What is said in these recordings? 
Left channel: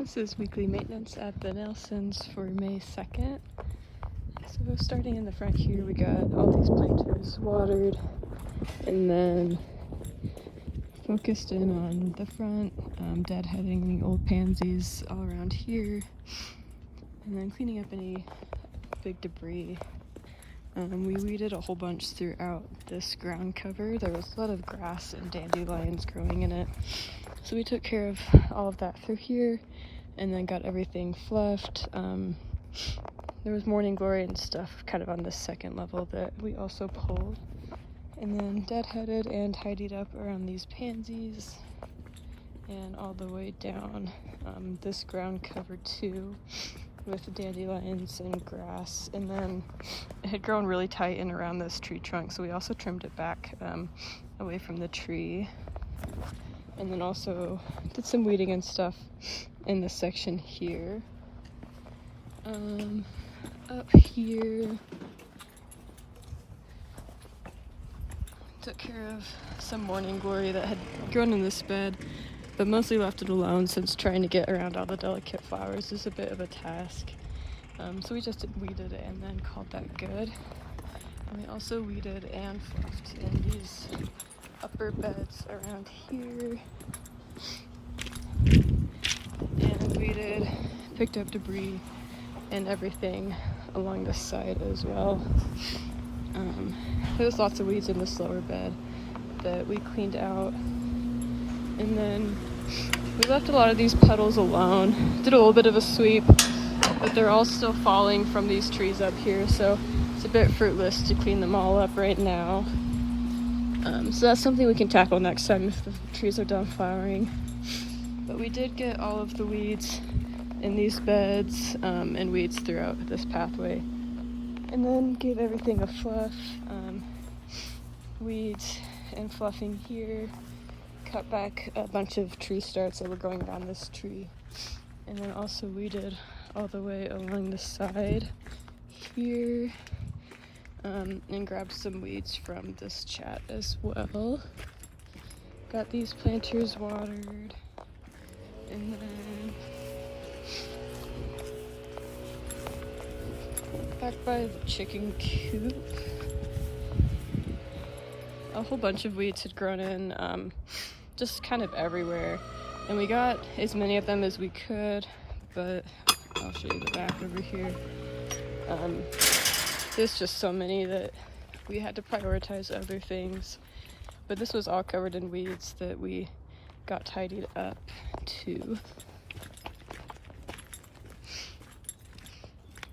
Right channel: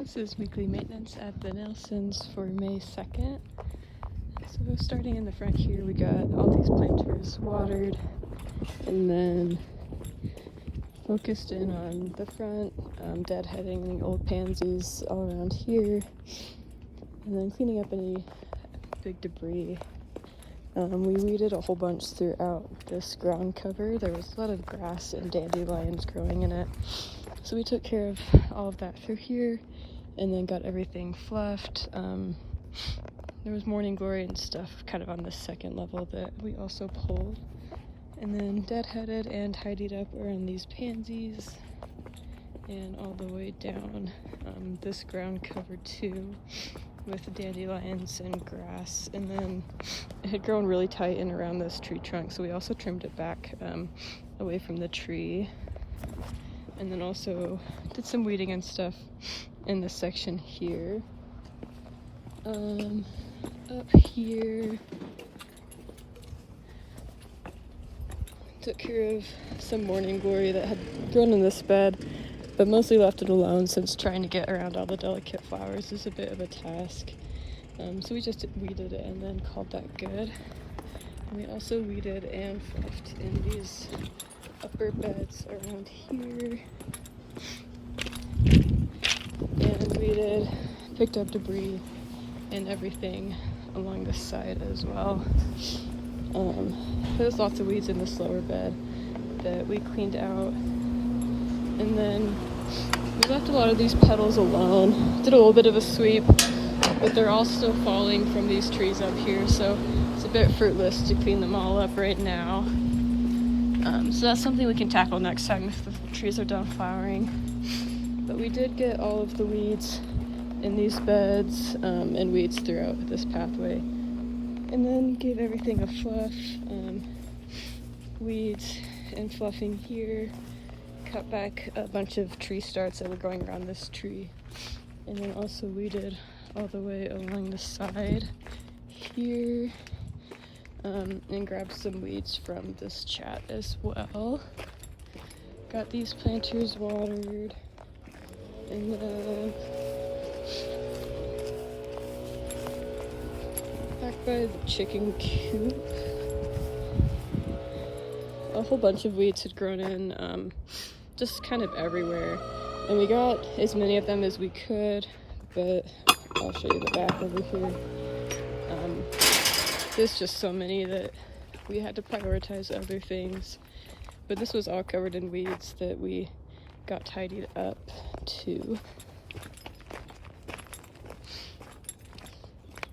This is weekly maintenance at the Nelsons for May 2nd. So starting in the front here, we got all these planters watered, and then focused in on the front, deadheading old pansies all around here, and then cleaning up any big debris. We weeded a whole bunch throughout this ground cover. There was a lot of grass and dandelions growing in it. So we took care of all of that through here and then got everything fluffed. There was morning glory and stuff kind of on this second level that we also pulled. And then deadheaded and tidied up around these pansies and all the way down this ground cover too, with dandelions and grass. And then it had grown really tight in around this tree trunk, so we also trimmed it back away from the tree. And then also did some weeding and stuff in this section here. Up here, took care of some morning glory that had grown in this bed, but mostly left it alone since trying to get around all the delicate flowers is a bit of a task. So we just weeded it and then called that good. And we also weeded and fluffed in these upper beds around here. And weeded, picked up debris and everything along this side as well. There's lots of weeds in this lower bed that we cleaned out. And then we left a lot of these puddles alone. Did a little bit of a sweep, but they're all still falling from these trees up here, so it's a bit fruitless to clean them all up right now. So that's something we can tackle next time if the trees are done flowering. But we did get all of the weeds in these beds and weeds throughout this pathway. And then gave everything a fluff. Weeds and fluffing here. Cut back a bunch of tree starts that were growing around this tree. And then also weeded all the way along the side here. And grabbed some weeds from this chat as well. Got these planters watered. And then back by the chicken coop, a whole bunch of weeds had grown in just kind of everywhere. And we got as many of them as we could, but I'll show you the back over here. There's just so many that we had to prioritize other things. But this was all covered in weeds that we got tidied up too.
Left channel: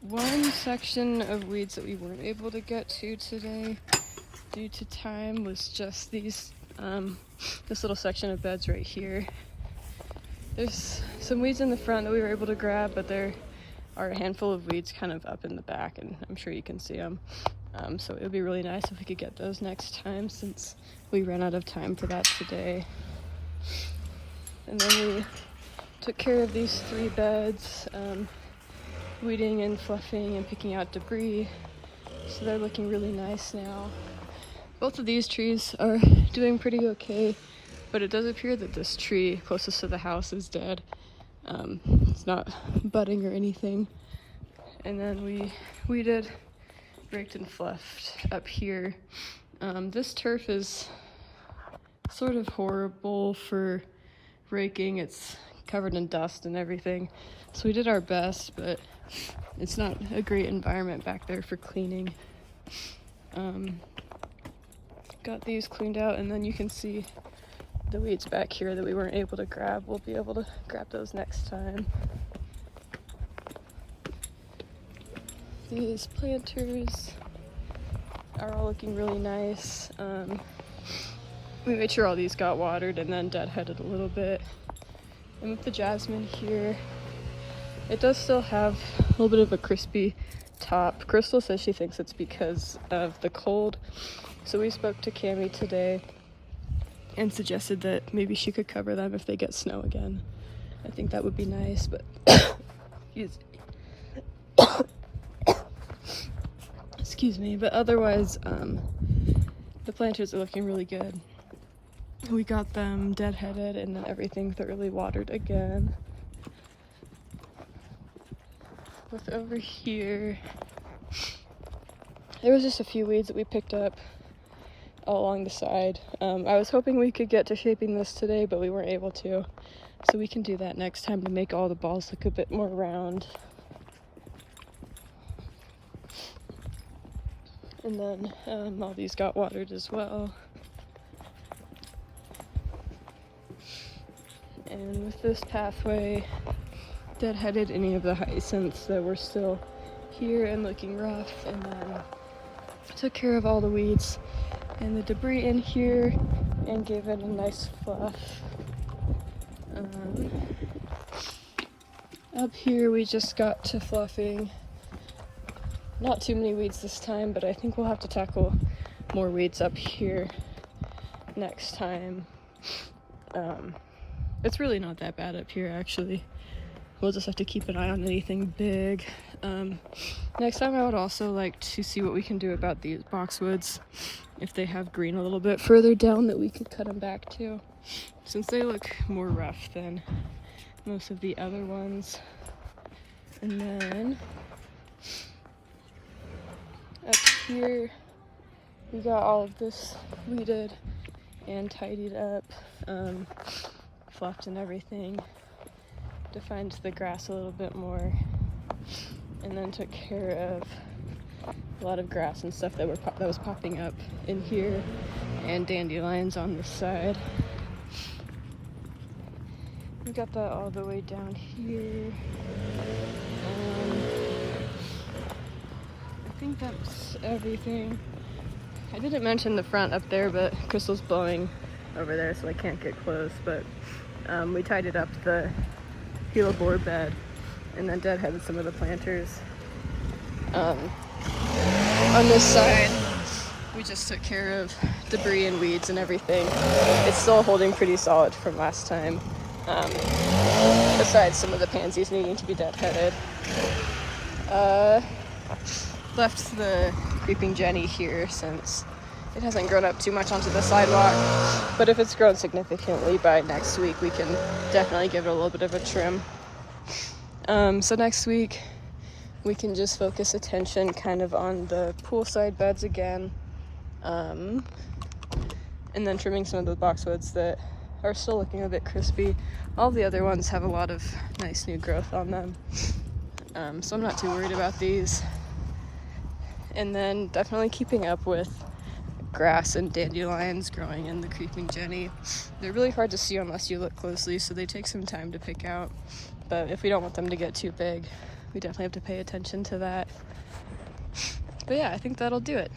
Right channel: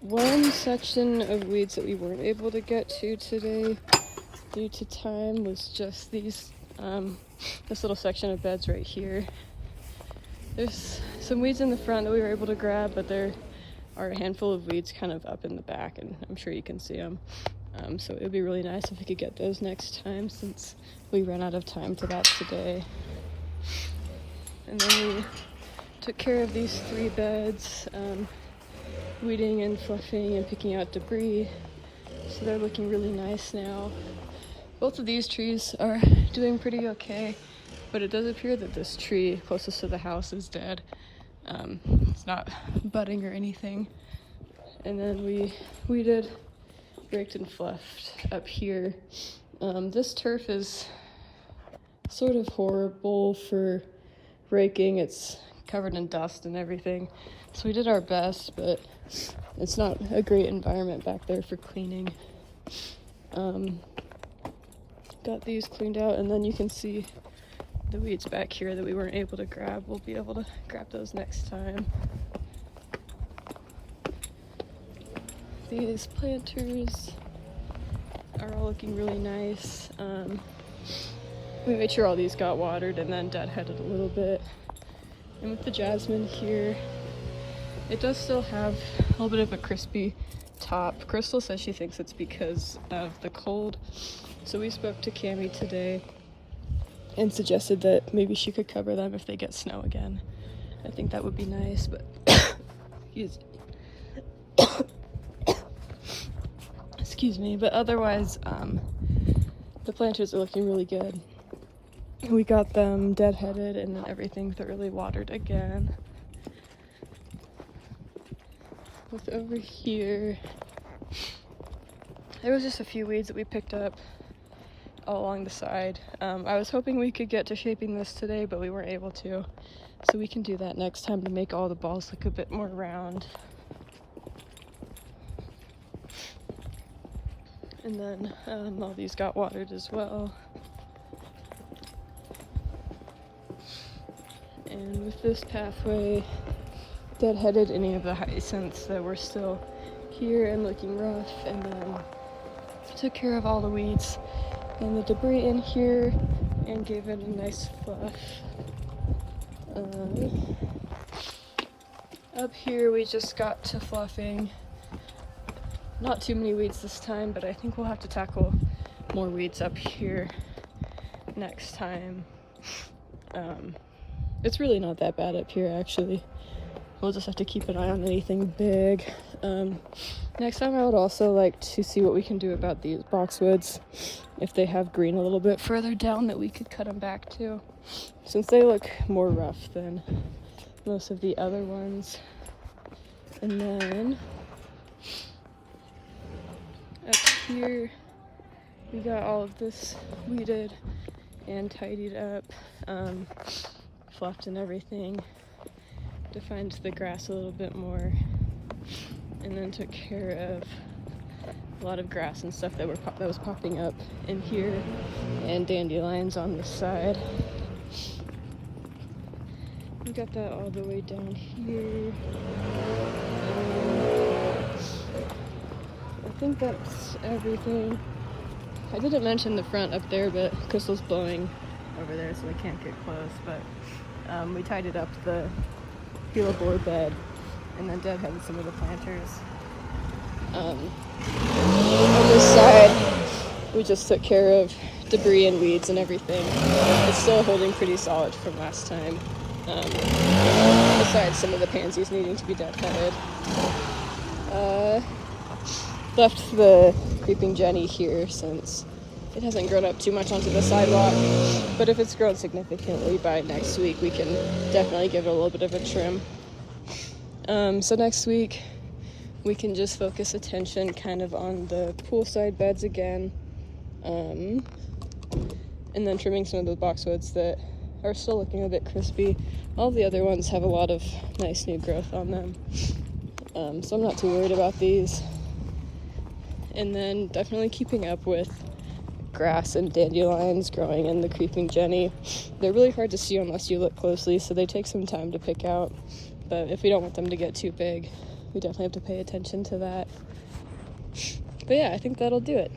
One section of weeds that we weren't able to get to today due to time was just these, this little section of beds right here. There's some weeds in the front that we were able to grab, but there are a handful of weeds kind of up in the back, and I'm sure you can see them. So it would be really nice if we could get those next time, since we ran out of time for that today. And then we took care of these 3 beds, weeding and fluffing and picking out debris. So they're looking really nice now. Both of these trees are doing pretty okay, but it does appear that this tree closest to the house is dead. It's not budding or anything. And then we weeded, raked and fluffed up here. This turf is sort of horrible for raking. It's covered in dust and everything. So we did our best, but it's not a great environment back there for cleaning. Got these cleaned out, and then you can see the weeds back here that we weren't able to grab. We'll be able to grab those next time. These planters are all looking really nice. We made sure all these got watered and then deadheaded a little bit. And with the jasmine here, it does still have a little bit of a crispy top. Crystal says she thinks it's because of the cold. So we spoke to Cammie today and suggested that maybe she could cover them if they get snow again. I think that would be nice, but excuse me, but otherwise the planters are looking really good. We got them deadheaded and then everything thoroughly watered again. with over here, there was just a few weeds that we picked up all along the side. I was hoping we could get to shaping this today, but we weren't able to. So we can do that next time to make all the balls look a bit more round. And then all these got watered as well. And with this pathway, deadheaded any of the hyacinths that were still here and looking rough, and then took care of all the weeds and the debris in here and gave it a nice fluff. Up here we just got to fluffing. Not too many weeds this time, but I think we'll have to tackle more weeds up here next time. It's really not that bad up here, actually. We'll just have to keep an eye on anything big. Next time I would also like to see what we can do about these boxwoods. If they have green a little bit further down that we could cut them back to, since they look more rough than most of the other ones. And then up here we got all of this weeded and tidied up, fluffed and everything, defined the grass a little bit more, and then took care of a lot of grass and stuff that was popping up in here, and dandelions on this side. We got that all the way down here. I think that's everything. I didn't mention the front up there, but Crystal's blowing over there, so I can't get close, but we tidied up the hellebore bed and then deadheaded some of the planters. On this side, we just took care of debris and weeds and everything. It's still holding pretty solid from last time, besides some of the pansies needing to be deadheaded. Left the creeping Jenny here since it hasn't grown up too much onto the sidewalk, but if it's grown significantly by next week, we can definitely give it a little bit of a trim. So next week, we can just focus attention kind of on the poolside beds again, and then trimming some of the boxwoods that are still looking a bit crispy. All the other ones have a lot of nice new growth on them, so I'm not too worried about these. And then definitely keeping up with grass and dandelions growing in the creeping Jenny. They're really hard to see unless you look closely, so they take some time to pick out, but if we don't want them to get too big, we definitely have to pay attention to that. But yeah, I think that'll do it.